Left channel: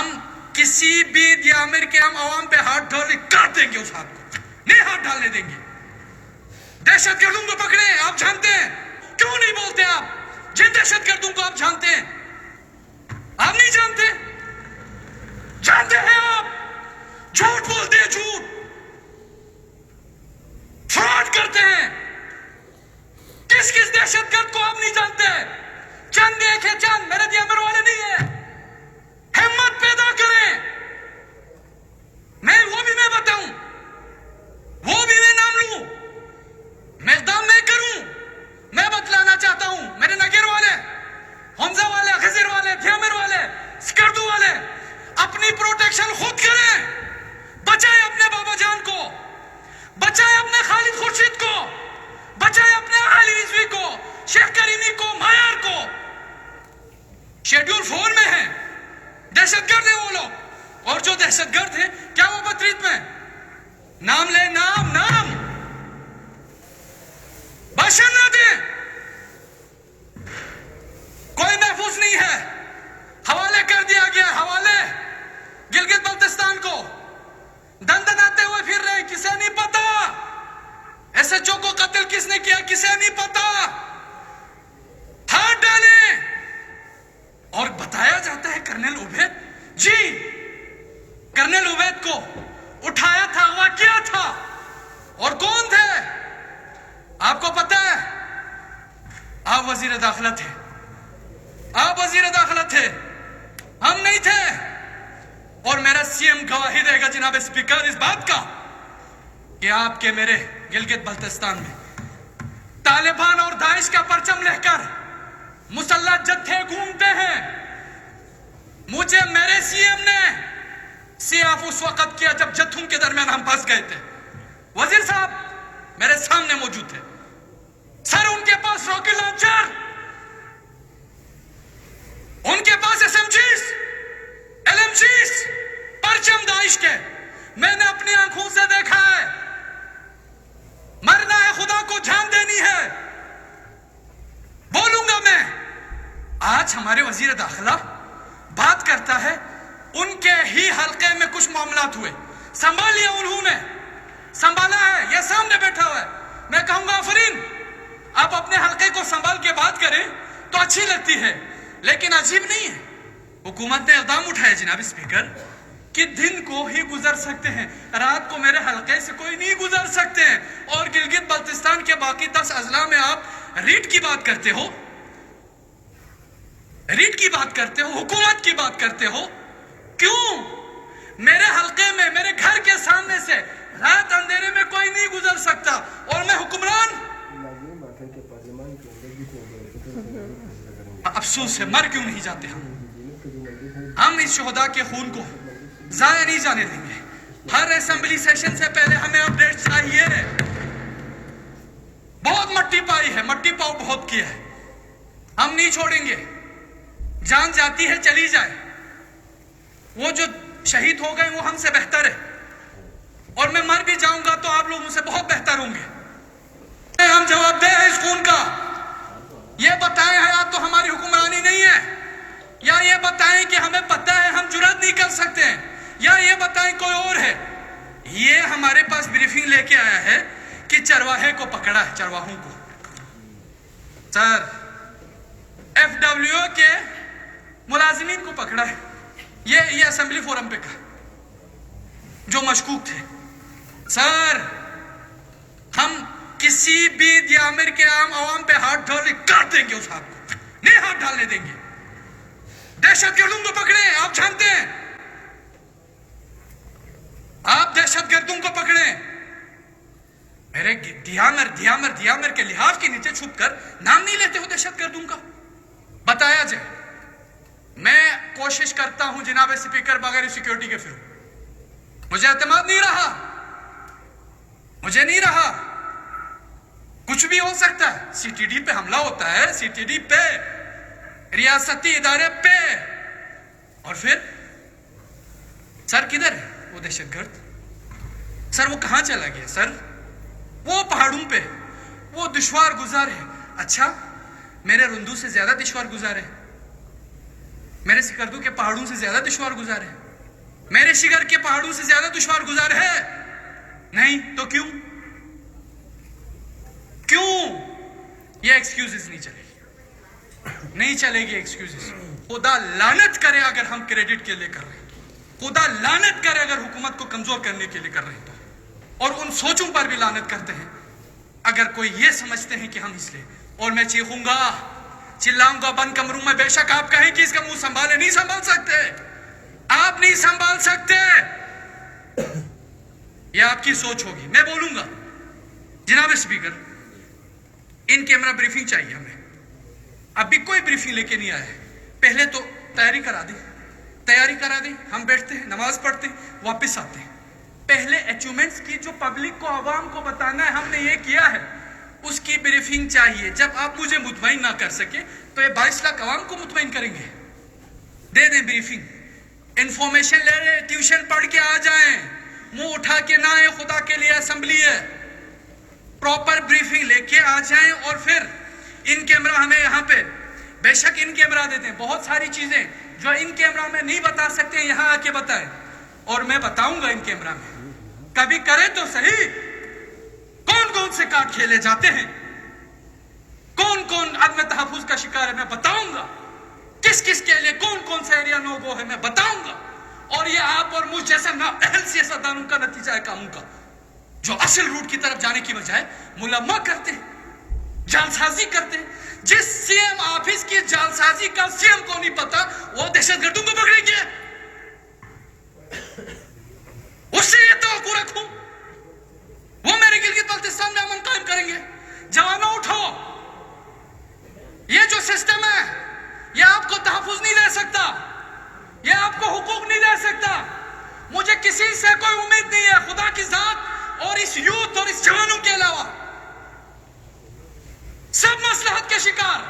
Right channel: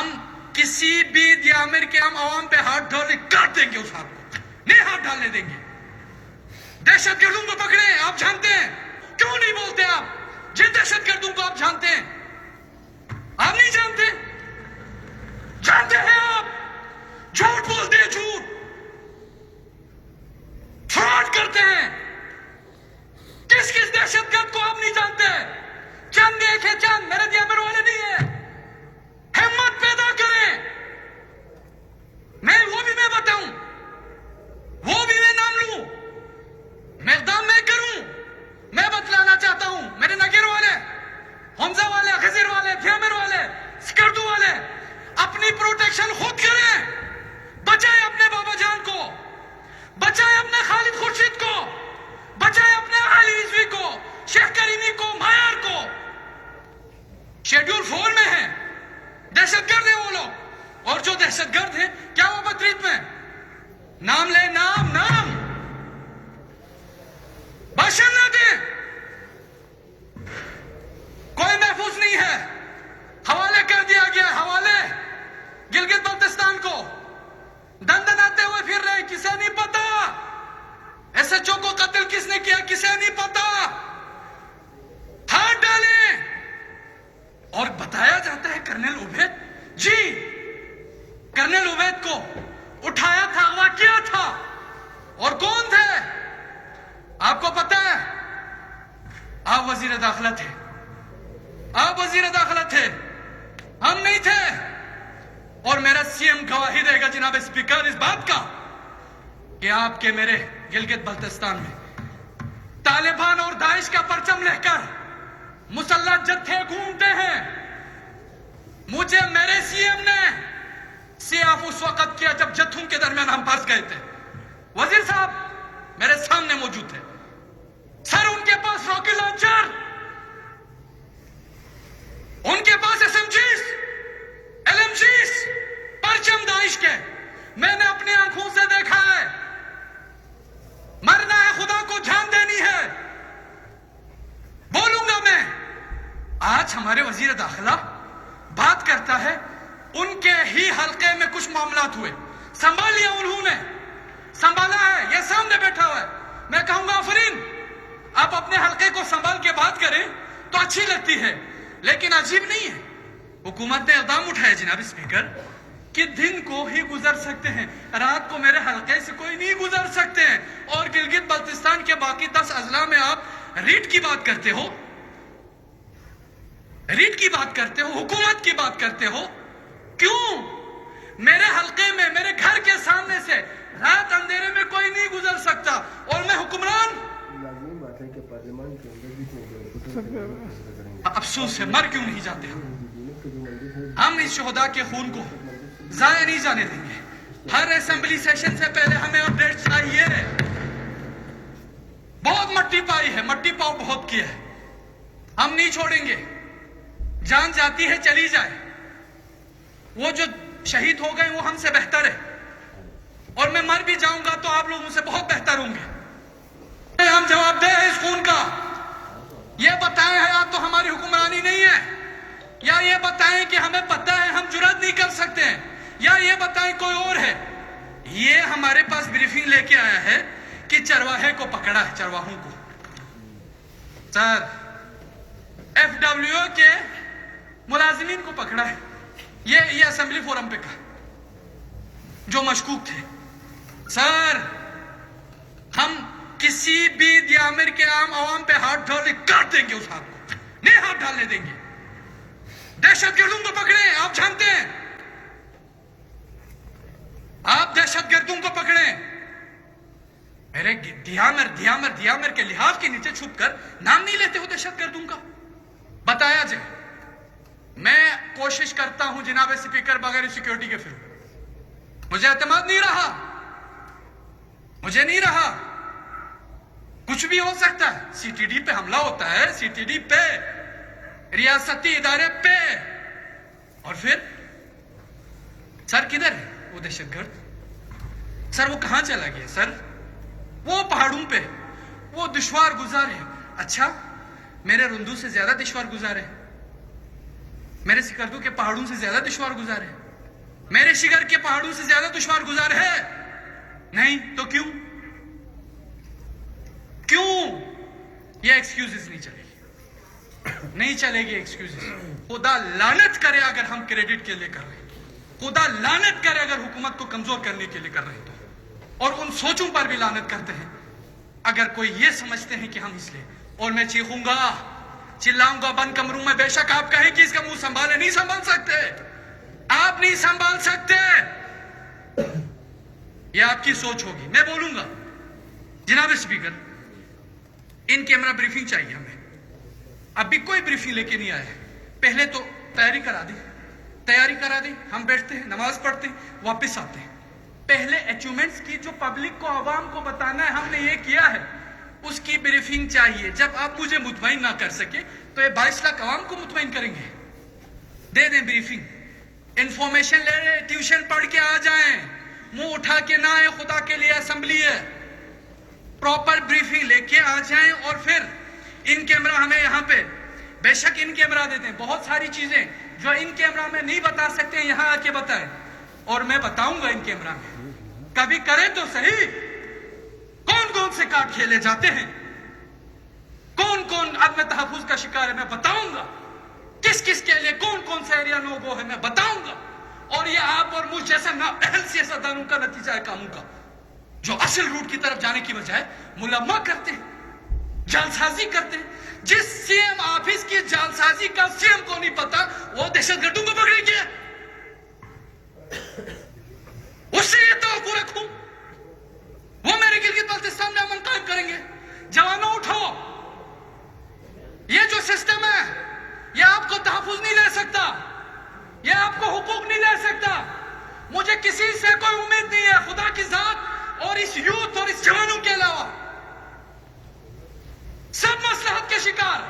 ہم کسی بھی دیامر کے ہم عوام پہ ہاتھ ڈالے کاٹ دیں گے، اس ہاتھ کو نہیں ہاتھ ڈالنے دیں گے۔ دہشت گردوں کو پکڑے، آپ جانتے ہیں کیوں نہیں بولتے؟ آپ جن دہشت گردوں کو آپ جانتے ہیں، آپ نہیں جانتے؟ جانتے ہیں آپ، جھوٹ بولتے ہیں، جھوٹ فراڈ کرتے ہیں۔ کس کس دہشت گرد کو آپ نہیں جانتے؟ چند ایک ہے، چند میرے دیامر والے نہیں ہیں۔ ہمت پیدا کریں، وہ بھی میں بتاؤں، وہ بھی میں نام لوں، میں اقدام میں کروں۔ میں بتلانا چاہتا ہوں، میرے نگر والے، حمزہ والے، خضر والے، دیامر والے، سکردو والے، اپنی پروٹیکشن خود کریں۔ بچائیں اپنے بابا جان کو، بچائیں اپنے خالد خورشید کو، بچائیں اپنے علی رضوی کو، شیخ کریمی کو، مایار کو۔ شیڈول 4 میں ہیں، دہشت گرد ہیں وہ لوگ، اور جو دہشت گرد ہیں کیا وہ بطریت میں نام لے، نام باشن نہ دیں، کوئی محفوظ نہیں ہے۔ حوالے کر دیا گیا، حوالے گلگت بلتستان کو دن دناتے ہوئے پھر رہے، کسے نہیں پتا ایس ایچ او کو قتل کس نے کیا، کسے نہیں پتا۔ ہاتھ ڈالیں، اور بتایا جاتا ہے کرنل عبید، جی کرنل عبید کو اٹھایا تھا، اغوا کیا تھا، اور کون تھے آپ کو پتا ہے؟ آپ وزیر داخلہ تھے، آپ وزیر داخلہ تھے، ہم نہیں تھے۔ اور میرا سی ایم گواہی دے گا جناب اسپیکر اس بات کا کہ آپ کے میرے گلگت بلتستان میں طالبان اور داعش کا پرچم لے کر مسلح جتھے گھومتے ہیں۔ مجھے میرے سی ایم نے سیاف اس وقت کیا جب جتھوں کے درمیان ہم پھنس گئے تھے، وزیر صاحب میرے سامنے موجود تھے۔ سر ان کے پاس راکٹ لانچر، ان کے پاس SMGs، LMGs، پرچم داعش کے، میں نے اپنی آنکھوں سے دیکھا ہے۔ مرنا ہے، خدا کو جان دینی ہے، بولوں گا میں۔ آج ہمارے وزیر داخلہ بات کرتا ہے، ان کے ہی حلقے میں کچھ معاملات ہوئے، سنبھال لیا، انہوں نے سنبھالا ہے، یہ سامنے بیٹھا ہوا ہے۔ میں کہوں گا آفرین، آپ اپنے حلقے کو سنبھال کے بات کریں تو اچھی لگتی ہے، لیکن عجیب نہیں ہے۔ حکومت نے اقدام اٹھایا جناب اسپیکر کہ دن کو ہی گزر سکتے ہیں، رات کو میرے حلقے سے کوئی نہیں گزر سکتے ہیں، اور گلگت بلتستان کے باقی 10 اضلاع میں آپ ریٹ کی بات کرتے ہو، ریٹ کی بات کرتے ہو، حکومت کی بات کرتے ہو۔ کیوں؟ میرے حلقے میں، میرے گھر کے سامنے سے رات اندھیرے میں کوئی نہیں گزر سکتا، اور میں حکمران۔ افسوس ہے، مر کیوں نہیں جاتے ہم اس شہداء کے خون کو ضائع نہیں جانے دیں گے۔ ہر اسمبلی سیشن سے پہلے ہمیں اپڈیٹ چاہیے۔ بہت مٹی پائی ہے، مٹی پاؤ بہت کیا ہے، ہم نہیں چھوڑیں گے۔ جان جاتی ہے چلی جائے، وہ جو شہید ہو گئے وہ ہم سے بہتر ہے، اور میں مر بھی جاؤں گا تو آپ لوگ مجھ سے بہت بہتر ہوں گے۔ ہم جواب دہ ہیں اس خون کا۔ یہ بتائیں حیات تو ہماری حکمرانی نہیں ہے، یا یہ بتائیں کہ ہمیں پتہ ہے ہم جرات نہیں کر سکتے ہیں، یا یہ بتائیں کوئی اور ہے۔ یہ ہمارے پاس بریفنگ لے کے آیا ہے کہ چرواہے کو پکڑا ہے، چرواہوں کو۔ سر FWO کے ملازمین کو پکڑا ہے، یہ اسمبلی فورم پہ کہا، جو مشکوک تھے۔ سر ہم کسی بھی دیامر کے عوام پہ ہاتھ ڈالے کاٹ دیں گے، اس ہاتھ کو نہیں ہاتھ ڈالنے دیں گے۔ دہشت گردوں کو پکڑے، آپ جانتے ہیں، آپ دہشت گردوں کو پکڑے۔ میرے دیامر کے لحاظ کے نیچے چھپ کر نام نہیں لیتے ہو دہشت گردوں کا، بتایا جائے۔ میں کوشش کرتا ہوں جناب اسپیکر، بغیر سیکیورٹی کے پھروں، مجھے اعتماد نہیں رہا، مجھے نہیں رہا۔ کچھ بھی ہو سکتا ہے، CTD پہ حملہ ہوتا ہے، CTD پہ، ریاستی ادارے پہ، اور پھر سر کدھر ہے وہ دہشت گرد؟ سر وہ کہاں چلا گیا؟ سر وہ پہاڑوں پہ، وہ دشوار گزار ہے۔ اچھا میرے رندو سے زیادہ دشوار گزار ہے، میرے سکردو کے پہاڑوں سے زیادہ دشوار گزار ہے؟ میرے شگر کے پہاڑوں سے زیادہ دشوار گزار ہے؟ نہیں تو کیوں؟ یہ ایکسکیوزز نہیں چلے گی، نہیں چلے گی ایکسکیوزز. خدا لعنت کرے اگر ہم کریڈٹ کے لیے کر رہے ہیں، خدا لعنت کرے اگر حکومت کو کمزور کرنے کے لیے کر رہے ہیں، اور ان سوچوں پر بھی لعنت کرتے ہیں اگر کوئی یہ سمجھتے ہیں کہ ہم اس لیے. اور میں چیخوں گا، چلاؤں گا بند کمروں میں، بے شک آپ کہیں کہ اس کا منہ سنبھالے، نہیں سنبھال سکتے، آپ نہیں سنبھال سکتے. یہ آپ کی سوچ ہوگی. میں بولوں گا، جناب اسپیکر، ان کیمرہ بریفنگ چاہیے ہمیں. ابھی کوئی بریفنگ لے کے نہیں آیا ہے. پہلے تو تیاری کرا دیں، ہم بیٹھتے ہیں، نماز پڑھتے ہیں، واپس آتے ہیں. پہلے اچیومنٹس کی جو پبلک کو، عوام کو بتانا ہے ہم نے یہ کیا ہے، اس کی بریفنگ چاہیے. جب آپ مجھے مطمئن نہ کر سکے تو یہ 22 لاکھ عوام کو مطمئن کریں گے. دے دیں بریفنگ، انفارمیشن لے لیں، ٹیوشن پڑھ کے آ جائیں، منہ اٹھا کے نہ آئے، خدا کے لیے اسمبلی ہے. پراپر بریفنگ لے کے آ جائیں. اور پھر ان کیمرہ ہمیں یہاں پہ، بے شک ان کیمرہ دیتے ہیں، بہت ساری چیزیں جو ان کیمرہ میں نہیں بتا سکتے ہیں یہاں آ کے بتائیں، اور میں بتاؤں گا ان کیمرہ میں. کبھی کرے تو صحیح، کون سے کارڈ کھیلے جاتے ہیں، کون عدم تحفظ کا شکار ہے، میں بتاؤں گا. کس کے لیے کون سے ایریا نو گو ہے، میں بتاؤں گا. اور یہ آپ اور مجھ جیسے نااہل سیاستدانوں کا نتیجہ ہے کاموں کا، جو اصل روٹ کی طرف جانے کی بجائے ملما کرتے ہیں، جعلسازی کرتے ہیں. جس سی ایم آفس کی جعلسازی کا سی ایم کو نہیں پتا، وہ دہشت گردوں کو پکڑیں گے. اس سے یہ توقع رکھوں وہ میرے گلگت بلتستان میں امن قائم کریں گے. جوانوں اٹھو، یہ جو سسٹم ہے یہ آپ کو تحفظ نہیں دے سکتا، یہ آپ کو حقوق نہیں دے سکتا. مجھے کسی سے کوئی امید نہیں ہے خدا کی ذات اور اس یوتھ اور اس جوانوں کے علاوہ. سب مصلحت کے شکار،